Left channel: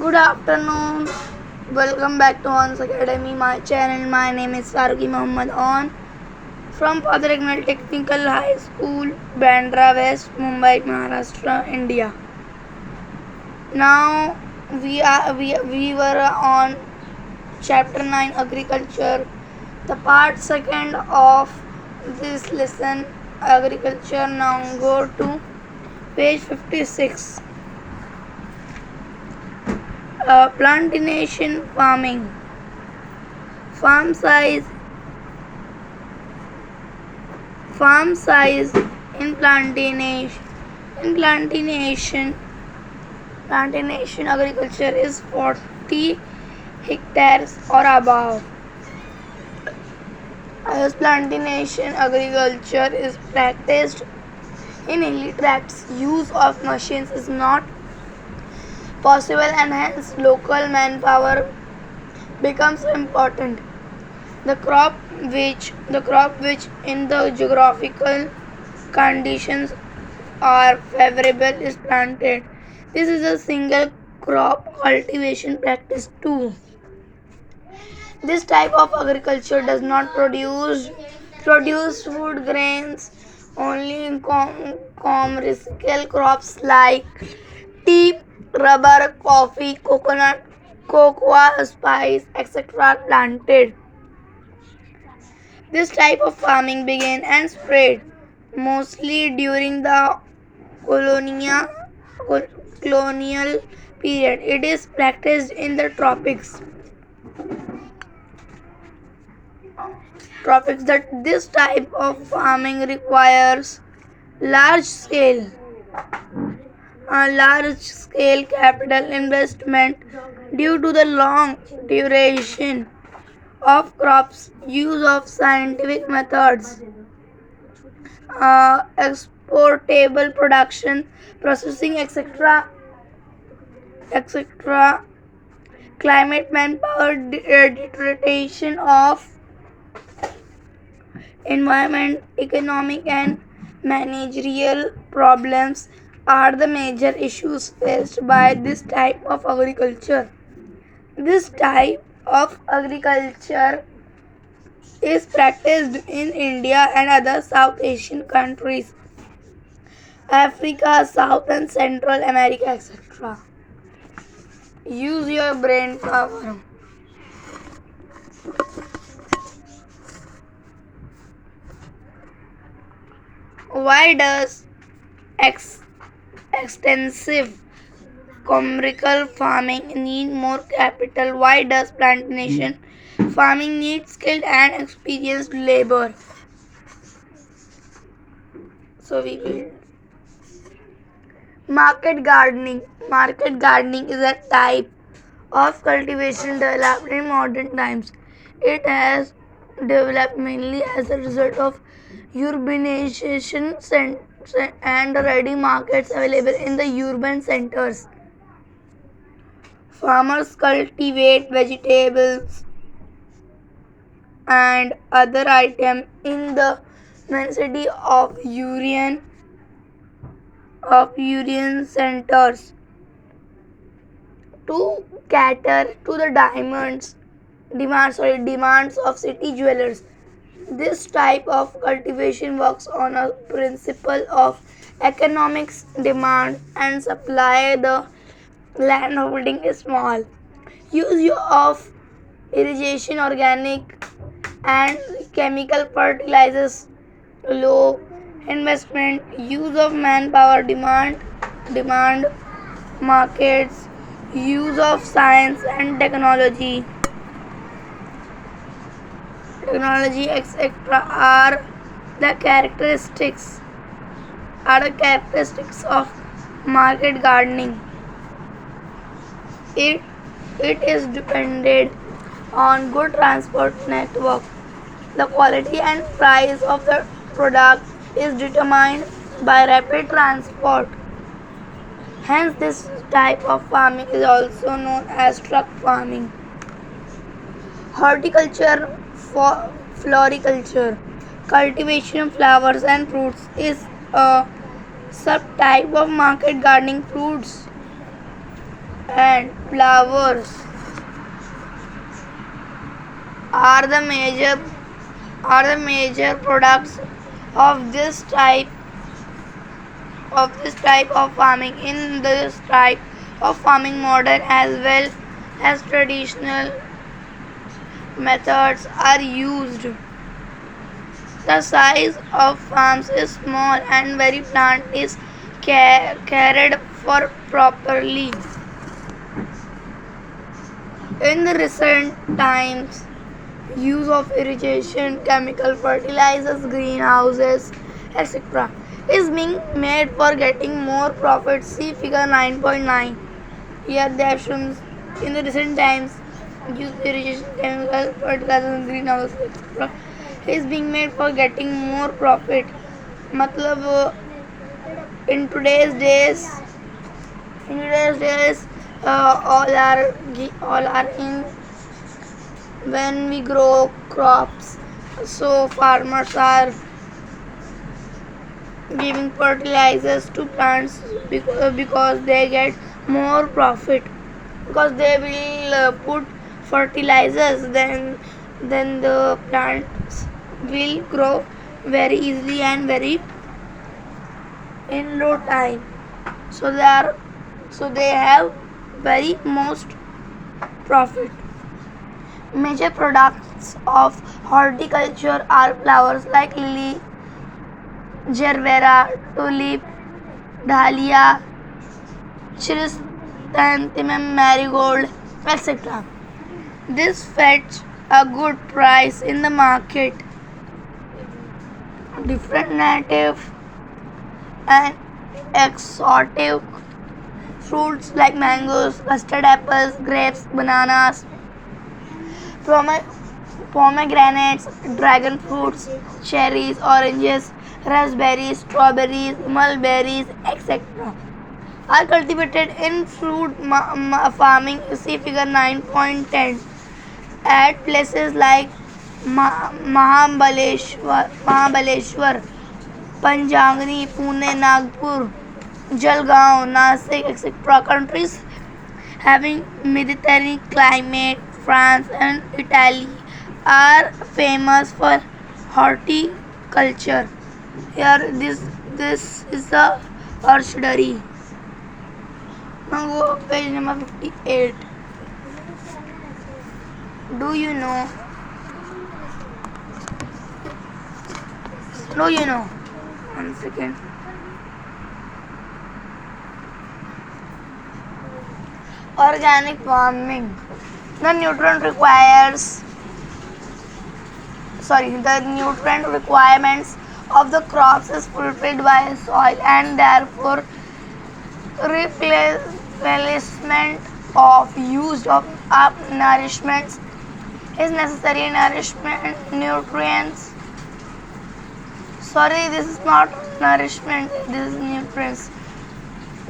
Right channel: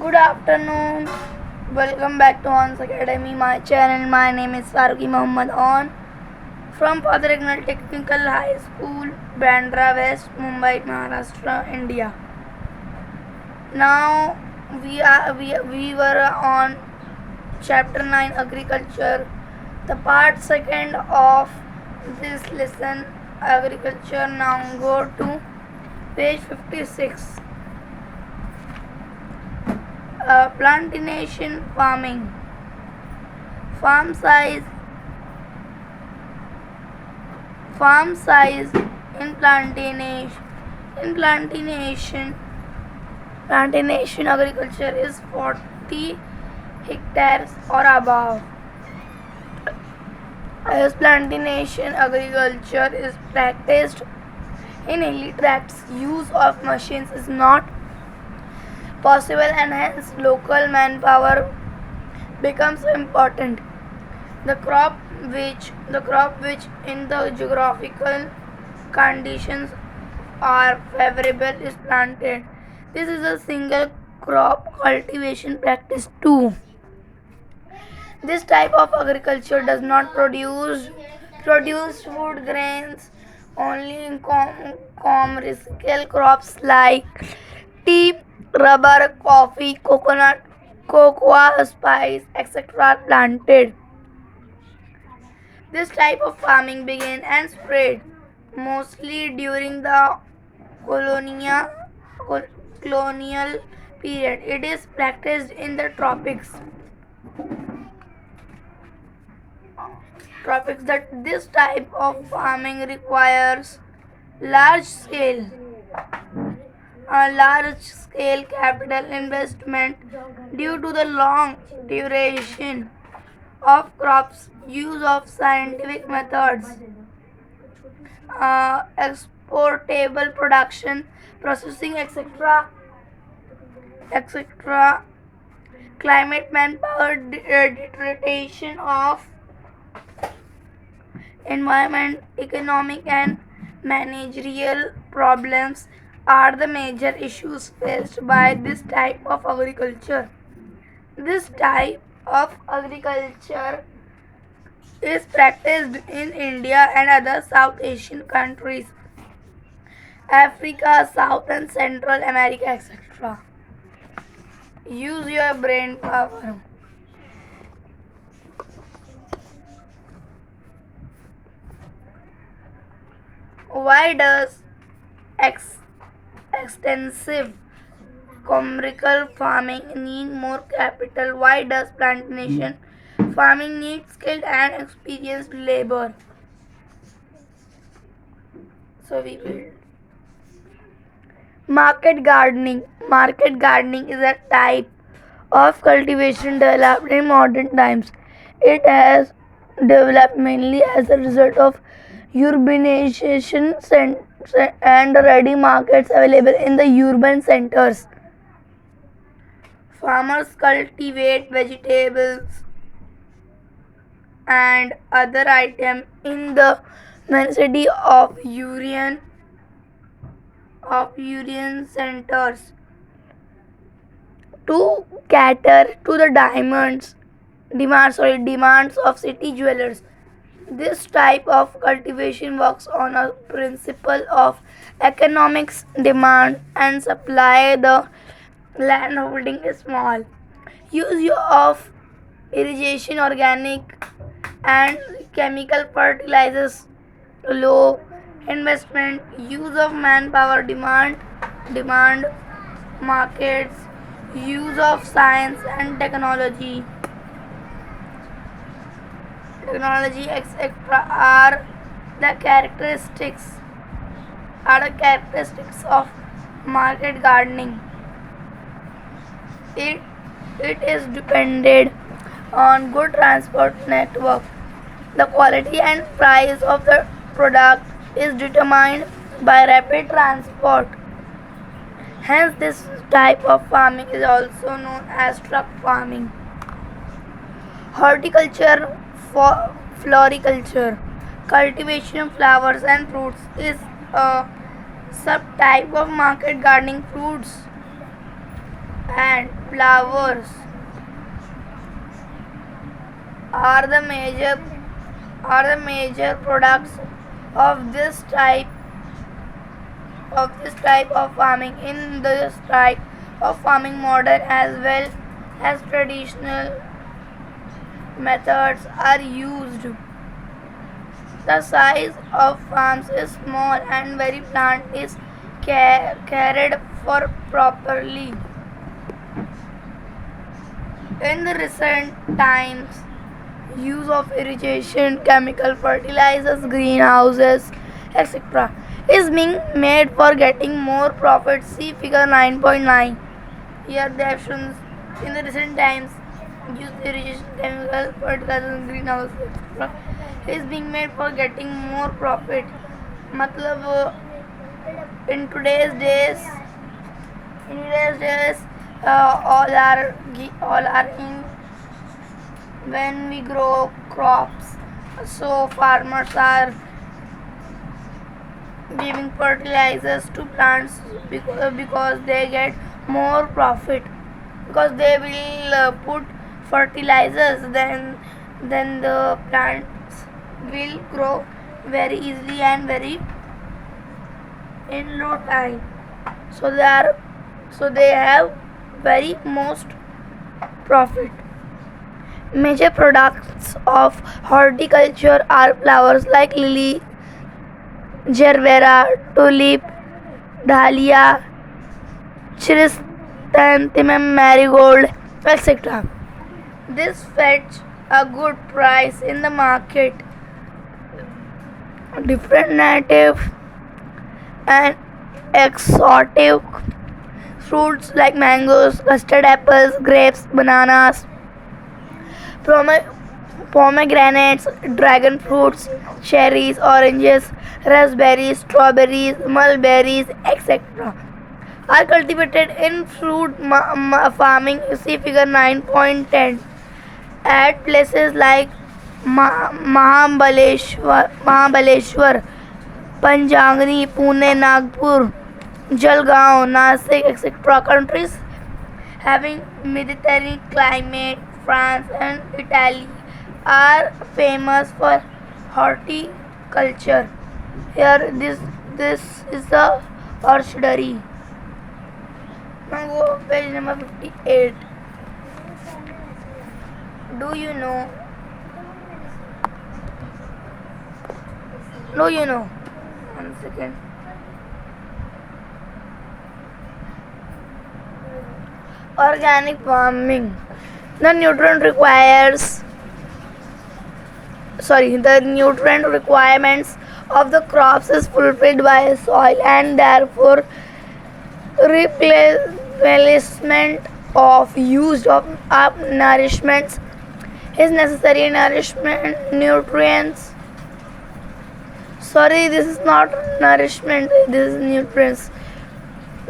Good afternoon. Welcome back to On's Academy, my channel. My name is Faruqi Muhammad On from Father Ignal Technical High School, Bandra West, Mumbai, Maharashtra, India. Now we were on chapter 9 agriculture, the part second of this lesson agriculture. Now go to page 56. Plantation farming. Farm size in plantation agriculture is 40 hectares or above. As plantation agriculture is practiced in hilly tracts, use of machines is not possible and hence local manpower becomes important. The crop which in the geographical conditions are favorable is planted. This is a single crop cultivation practice too. This type of agriculture does not produce food grains, only commercial crops like tea, rubber, coffee, coconut, cocoa, spice, etc. are planted. This type of farming began and spread mostly during the colonial period. It is practiced in the tropics. That this type of farming requires large scale capital investment due to the long duration of crops, use of scientific methods, exportable production, processing, etc. Climate, manpower, deterioration of environment, economic and managerial problems are the major issues faced by this type of agriculture. This type of agriculture is practiced in India and other South Asian countries, Africa, South and Central America, etc. Use your brain power. Why does extensive commercial farming need more capital? Why does plantation farming need skilled and experienced labor? So we will. Market gardening. Market gardening is a type of cultivation developed in modern times. It has developed mainly as a result of urbanization and ready markets available in the urban centers. Farmers cultivate vegetables and other items in the vicinity of urban centers to cater to the demands of city dwellers. This type of cultivation works on a principle of economics, demand and supply. The land holding is small. Use of irrigation, organic and chemical fertilizers, low investment, use of manpower, demand markets, use of science and technology etc. the characteristics of market gardening. It is dependent on good transport network. The quality and price of the product is determined by rapid transport. Hence, this type of farming is also known as truck farming. Horticulture, floriculture, cultivation of flowers and fruits is a subtype of market gardening. Fruits and flowers are the major products of this type of farming. In this type of farming, modern as well as traditional methods are used. The size of farms is small and very plant is cared for properly. In the recent times, use of irrigation, chemical fertilizers, greenhouses, etc. is being made for getting more profit. See figure 9.9. Here they have shown in the recent times use irrigation, chemical fertilizers, greenhouses, etc. is being made for getting more profit. मतलब in today's days, all are in when we grow crops, so farmers are giving fertilizers to plants because they get more profit, because they will put fertilizers, then the plants will grow very easily and very in low time, so they have very most profit. Major products of horticulture are flowers like lily, gerbera, tulip, dahlia, chrysanthemum, marigold, etc. This fetch a good price in the market. Different native and exotic fruits like mangoes, custard apples, grapes, bananas, pomegranates, dragon fruits, cherries, oranges, raspberries, strawberries, mulberries, etc. are cultivated in fruit farming. See figure 9.10. At places like Mahabaleshwar, Panjangni, Pune, Nagpur, Jalgaon, Nasik, etc. countries having Mediterranean climate, France and Italy are famous for horticulture. Here this is the orchardry. Now go page number 58. Do you know? Do you know? 1 second. Organic farming. The nutrient requirements of the crops is fulfilled by soil, and therefore replacement of used of nourishments is necessary. Nutrients. Sorry, this is not nourishment. This is nutrients.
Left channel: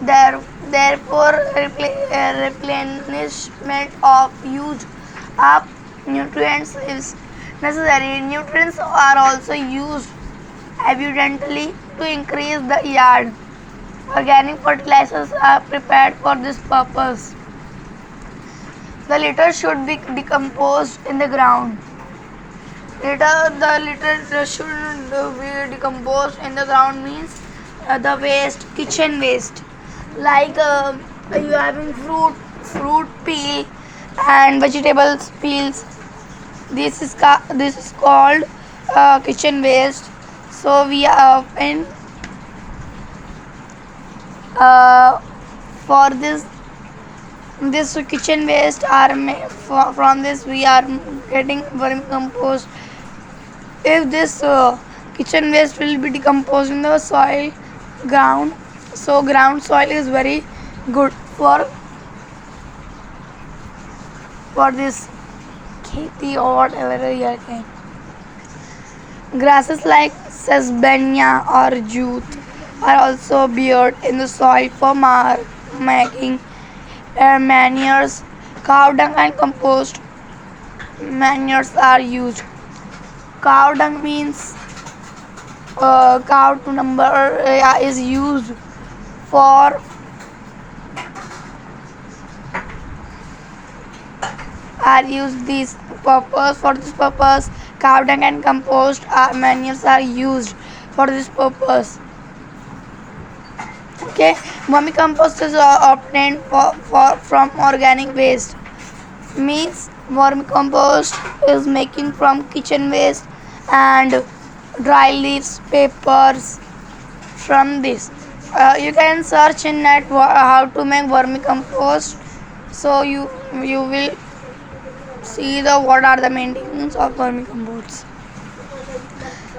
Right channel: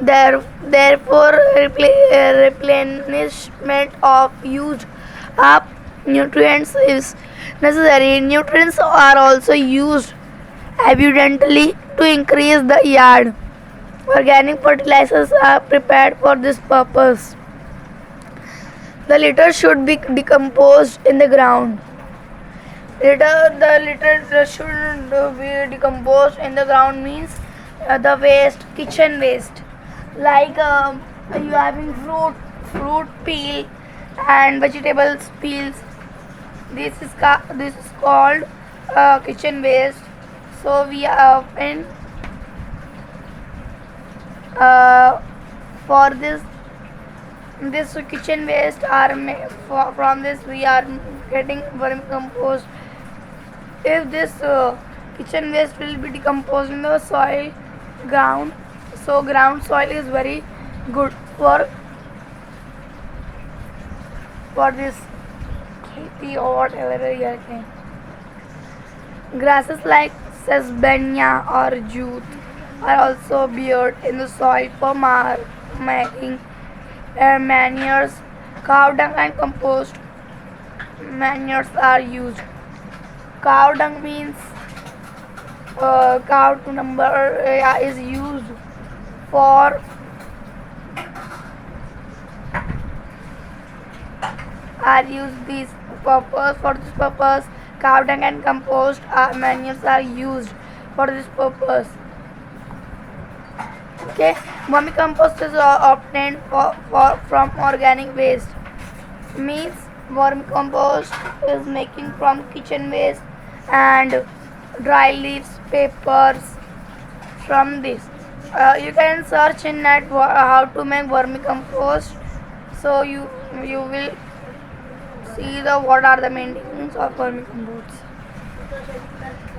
Therefore, replenishment of used up nutrients is necessary. Nutrients are also used abundantly to increase the yield. Organic fertilizers are prepared for this purpose. The litter should be decomposed in the ground. The litter should be decomposed in the ground means the waste, kitchen waste, like you having fruit peel and vegetables peels. This is called kitchen waste. So we are in for this kitchen waste are from this we are getting vermicompost. If this kitchen waste will be decomposed in the soil ground, so ground soil is very good for this खेती or whatever you are saying. Grasses like sesbania or jute are also buried in the soil for making manures. Cow dung and compost manures are used. Cow dung means cow to number is used for are used this purpose. For this purpose, cow dung and compost manures are used for this purpose. Okay, vermicompost is obtained from organic waste. Means vermicompost is making from kitchen waste and dry leaves, papers from this. You can search in net how to make vermicompost. So you will see the what are the maintenance of vermicompost.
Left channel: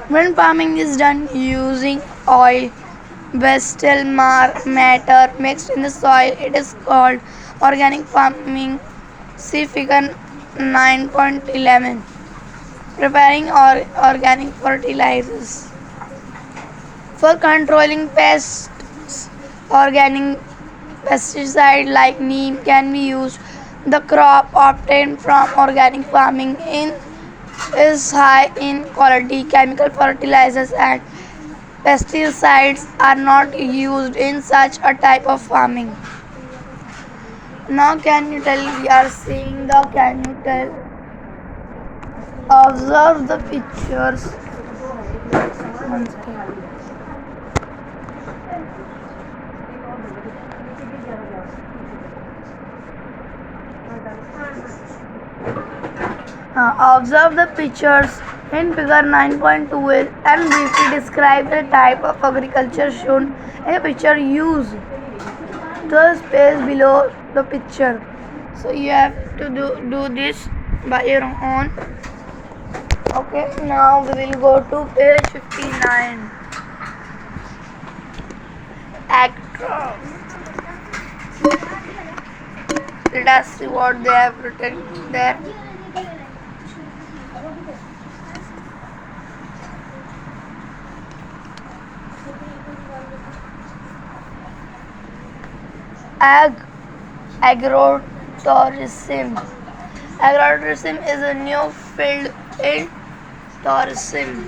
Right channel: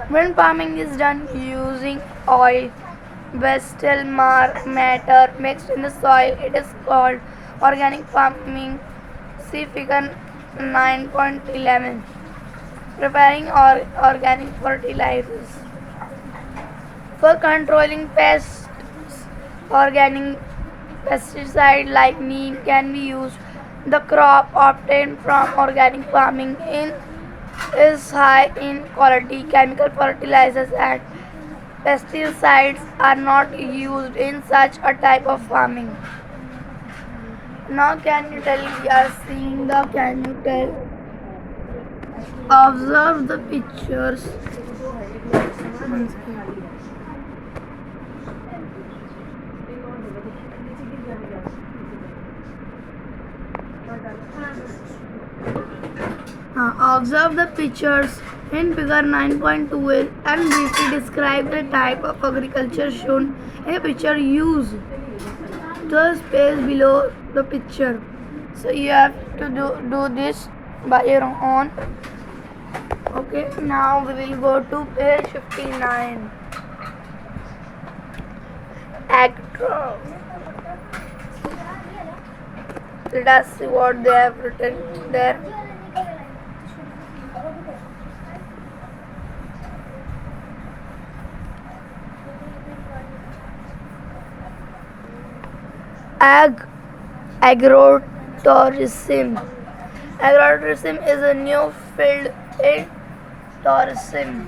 When farming is done using oil, vegetable matter mixed in the soil, it is called organic farming. See figure 9.11. Preparing organic fertilizers. For controlling pests, organic pesticide like neem can be used. The crop obtained from organic farming is high in quality. Chemical fertilizers and pesticides are not used in such a type of farming. Now can you tell, we are seeing the, can you tell, observe the pictures. Observe the pictures in figure 9.12 and briefly describe the type of agriculture shown in a picture. Use the space below the picture. So you have to do this by your own. Okay, now we will go to page 59. Actor. Let us see what they have written there. Agrotourism. Agrotourism is a new field in tourism.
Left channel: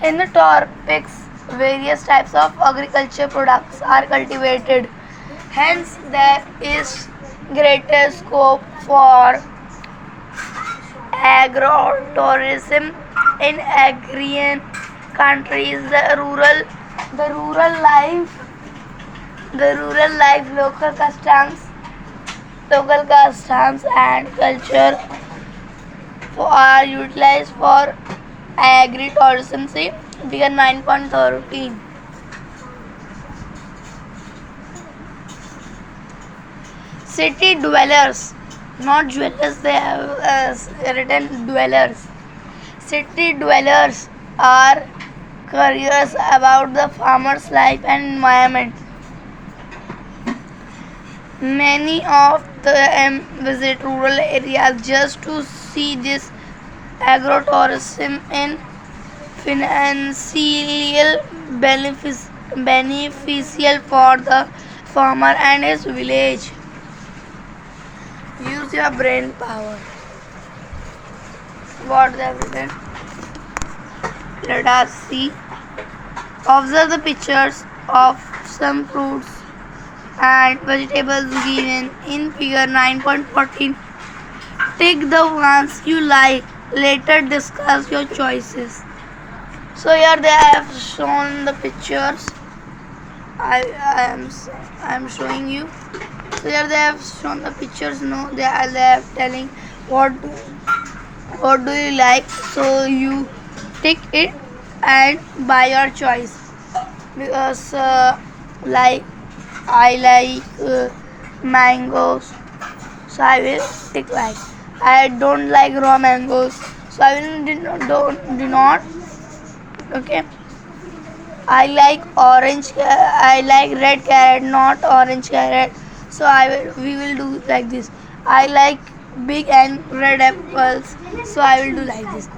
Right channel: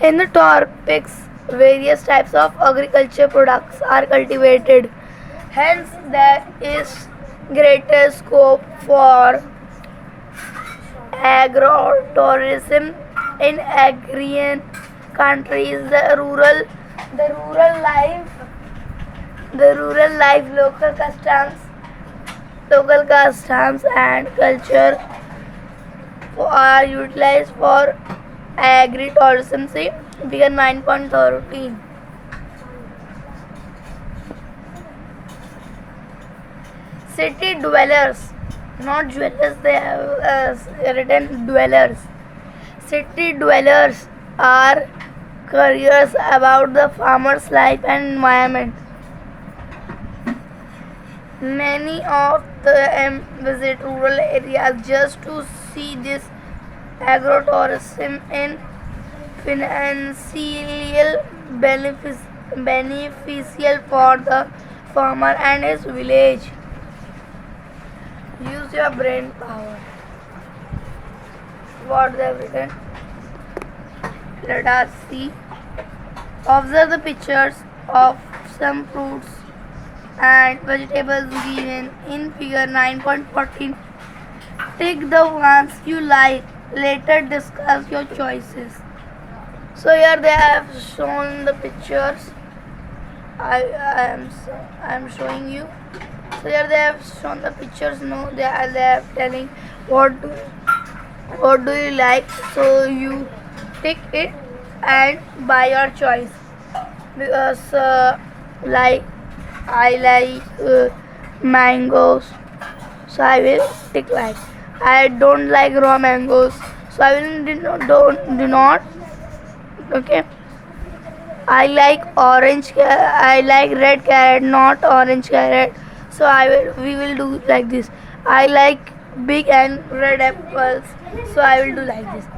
In the tropics, various types of agriculture products are cultivated. Hence, there is greater scope for agrotourism in agrarian countries. The rural life, local customs and culture are utilized for agritourism. See figure 9.13. City dwellers, not dwellers, they have written dwellers. City dwellers are curious about the farmer's life and environment. Many of them visit rural areas just to see this. Agrotourism in financial beneficial for the farmer and his village. Use your brain power. What they have written? Let us see. Observe the pictures of some fruits and vegetables given in figure 9.14. Take the ones you like. Later discuss your choices. So here they have shown the pictures. I am showing you. So here they have shown the pictures. No, they are telling what do you like. So you take it and buy your choice. Because like I like mangoes, so I will take like. I don't like raw mangoes, so I will do not. Okay. I like orange. I like red carrot, not orange carrot. So we will do like this. I like big and red apples, so I will do like this.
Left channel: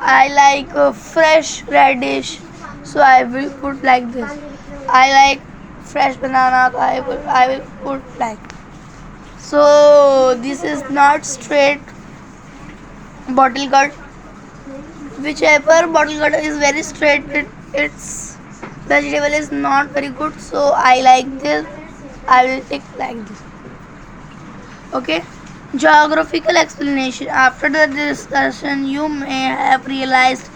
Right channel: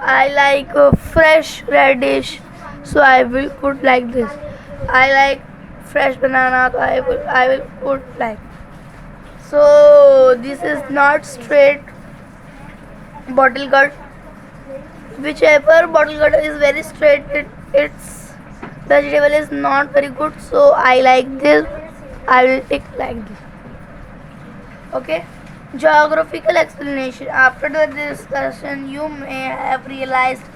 I like fresh radish, so I will put like this. I like fresh banana, so I will put like. So this is not straight bottle cut. Whichever bottle cut is very straight, its vegetable is not very good. So I like this. I will take like this. Okay. Geographical explanation. After the discussion, you may have realized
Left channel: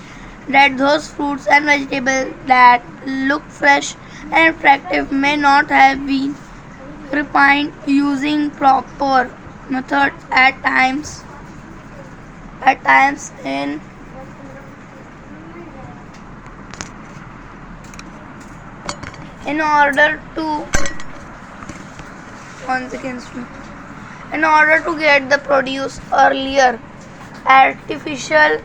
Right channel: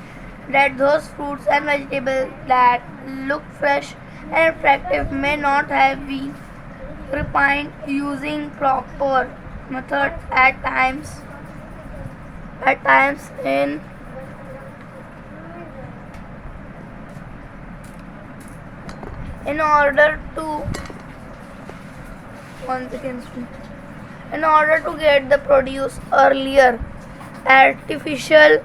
that those fruits and vegetables that look fresh and attractive may not have been ripened using proper methods at times in order to one second in order to get the produce earlier. Artificial